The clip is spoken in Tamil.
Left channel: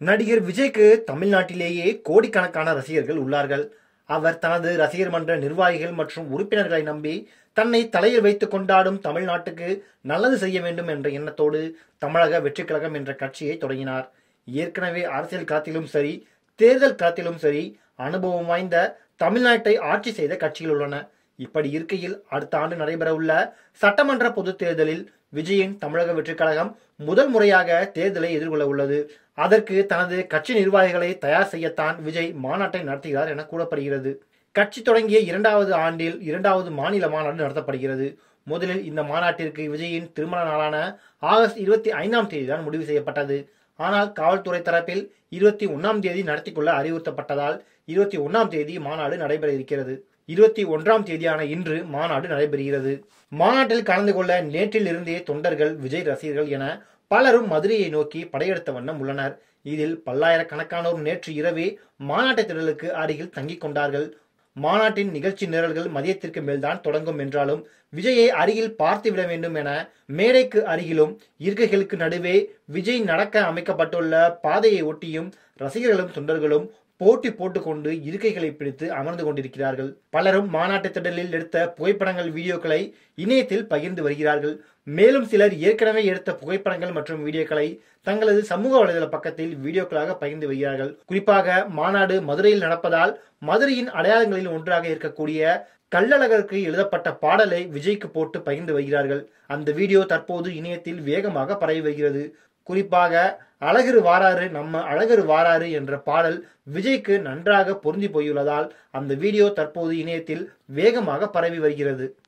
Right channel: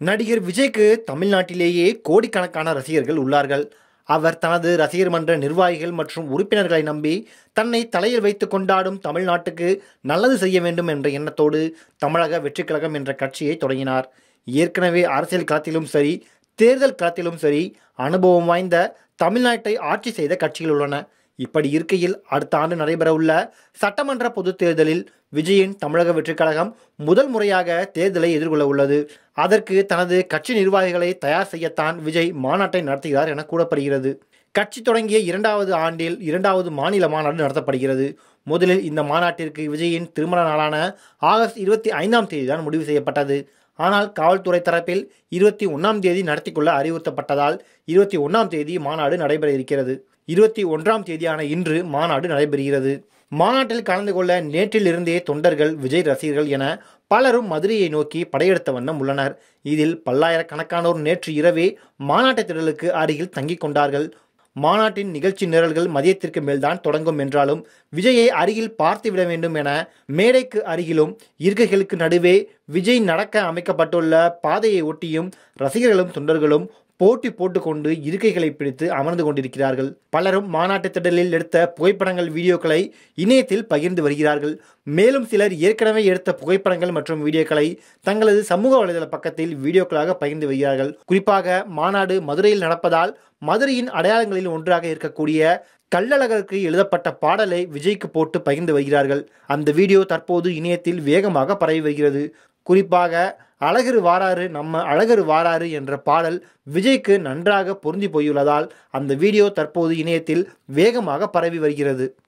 நடிகர் விஜய்க்கு தமிழ்நாட்டிலேயே கோடிக்கணக்கான ரசிகர்கள் உள்ளார்கள். அவர் தனது ரசிகர் மன்ற நிர்வாகிகள் மற்றும் உறுப்பினர்களை நம்பி தன்னை தலையில் வைத்து கொண்டாடும் தமிழ்நாட்டுக்கு நல்லது செய்ய வேண்டும் என்ற எண்ணத்தோடு தமிழக வெற்றிக் கழகம் என்ற கட்சியை தொடங்கினார். ஏற்கனவே அரசியல் களத்திலும் சரி, தேர்தல் களத்திலும் சரி அனுபவம் வாய்ந்த தமிழ்நாட்டை ஆட்சி செய்த கட்சிகள் உள்ளன. இப்படி இருக்கையில் அடுத்த ஆண்டு நடைபெறவுள்ள சட்டமன்ற பொதுத் தேர்தலில் விஜயின் தமிழக வெற்றிக் கழகம் முதல் முறையாக தேர்தலை எதிர்கொள்ள உள்ளது. அதற்கு தனது கட்சி நிர்வாகிகளை தயார் செய்யத்தான் விஜய் மாநாட்டை நடத்துகிறார் என கூறப்படுகிறது. கட்சி தொடங்கிய 2வது ஆண்டில் 2வது மாநில மாநாடு நடத்தப்படுகிறது. முதலில் இந்த மாநாட்டிற்கு விஜயின் திருமண நாளான ஆகஸ்ட் 25ஆம் தேதி தான் முடிவு செய்யப்பட்டது. ஆனால் காவல்துறை தரப்பில் 21ஆம் தேதி நடத்திக்கொள்ள அறிவுறுத்தப்பட்டதால் 21ஆம் தேதி மாநாடு நடைபெற இருக்கிறது. 21ஆம் தேதியான இன்று மாநாடு நடைபெறுகிறது. மாநாட்டில் கலந்து கொள்ள நேற்றிலிருந்தே தொண்டர்கள், விஜய் ரசிகர்கள் என பலரும் மதுரையை நோக்கி படையெடுத்த வண்ணம் உள்ளனர். இதில் பல்லாயிரக்கணக்கானோர் நேற்று இரவே மாநாட்டு திடலுக்கு அருகில் தங்கிக் கொண்டார்கள். மாநாட்டின் நிகழ்ச்சி நிரல்கள் மதியத்திற்கு மேல்தான் தொடங்கும் என்றாலும் விஜயை அருகில் பார்த்துவிட வேண்டும் என மேடைக்கு அருகிலும் இருக்கைகளுக்கு நடுவே விஜய் நடக்க அமைக்கப்பட்டுள்ள பாதையை ஒட்டியும் ரசிகர்களும் தொண்டர்களும் போட்டி போட்டுக்கொண்டு இருக்கைகளை பிடித்து அமர்ந்து கொண்டிருக்கிறார்கள். பலரும் மாநாட்டு திடலில் எடுத்த புகைப்படங்கள், வீடியோக்களை இணையத்தில் பகிர்ந்து வருகிறார்கள். மேலும் சிலர் ஏற்கனவே எடுத்த புகைப்படங்கள் மற்றும் வீடியோக்களை தங்களது சமூக வலைதள பக்கத்தில் வீடியோக்களாக பகிர்ந்து வருகிறார்கள். குறிப்பாக மாநாடு மதுரையில் நடப்பதால் மதுரையின் அடையாளங்களில் ஒன்றாக இருக்கக்கூடிய கள்ளழகருக்கு எழுதப்பட்ட பாடலை விஜய்க்கு போட்டு பகிர்ந்து வருகிறார்கள். அந்த வீடியோ தற்போது இணையத்தில் வேகமாக பரவி வருகிறது. குறிப்பாக அழகரு வாராரு நம்ம அழகரு வாராரு என்ற பாடல் விஜய்க்கு நன்றாக பொருந்தி போயுள்ளதால் அந்த வீடியோ தற்போது இணையத்தில் வேகமாக பரவி வருகிறது.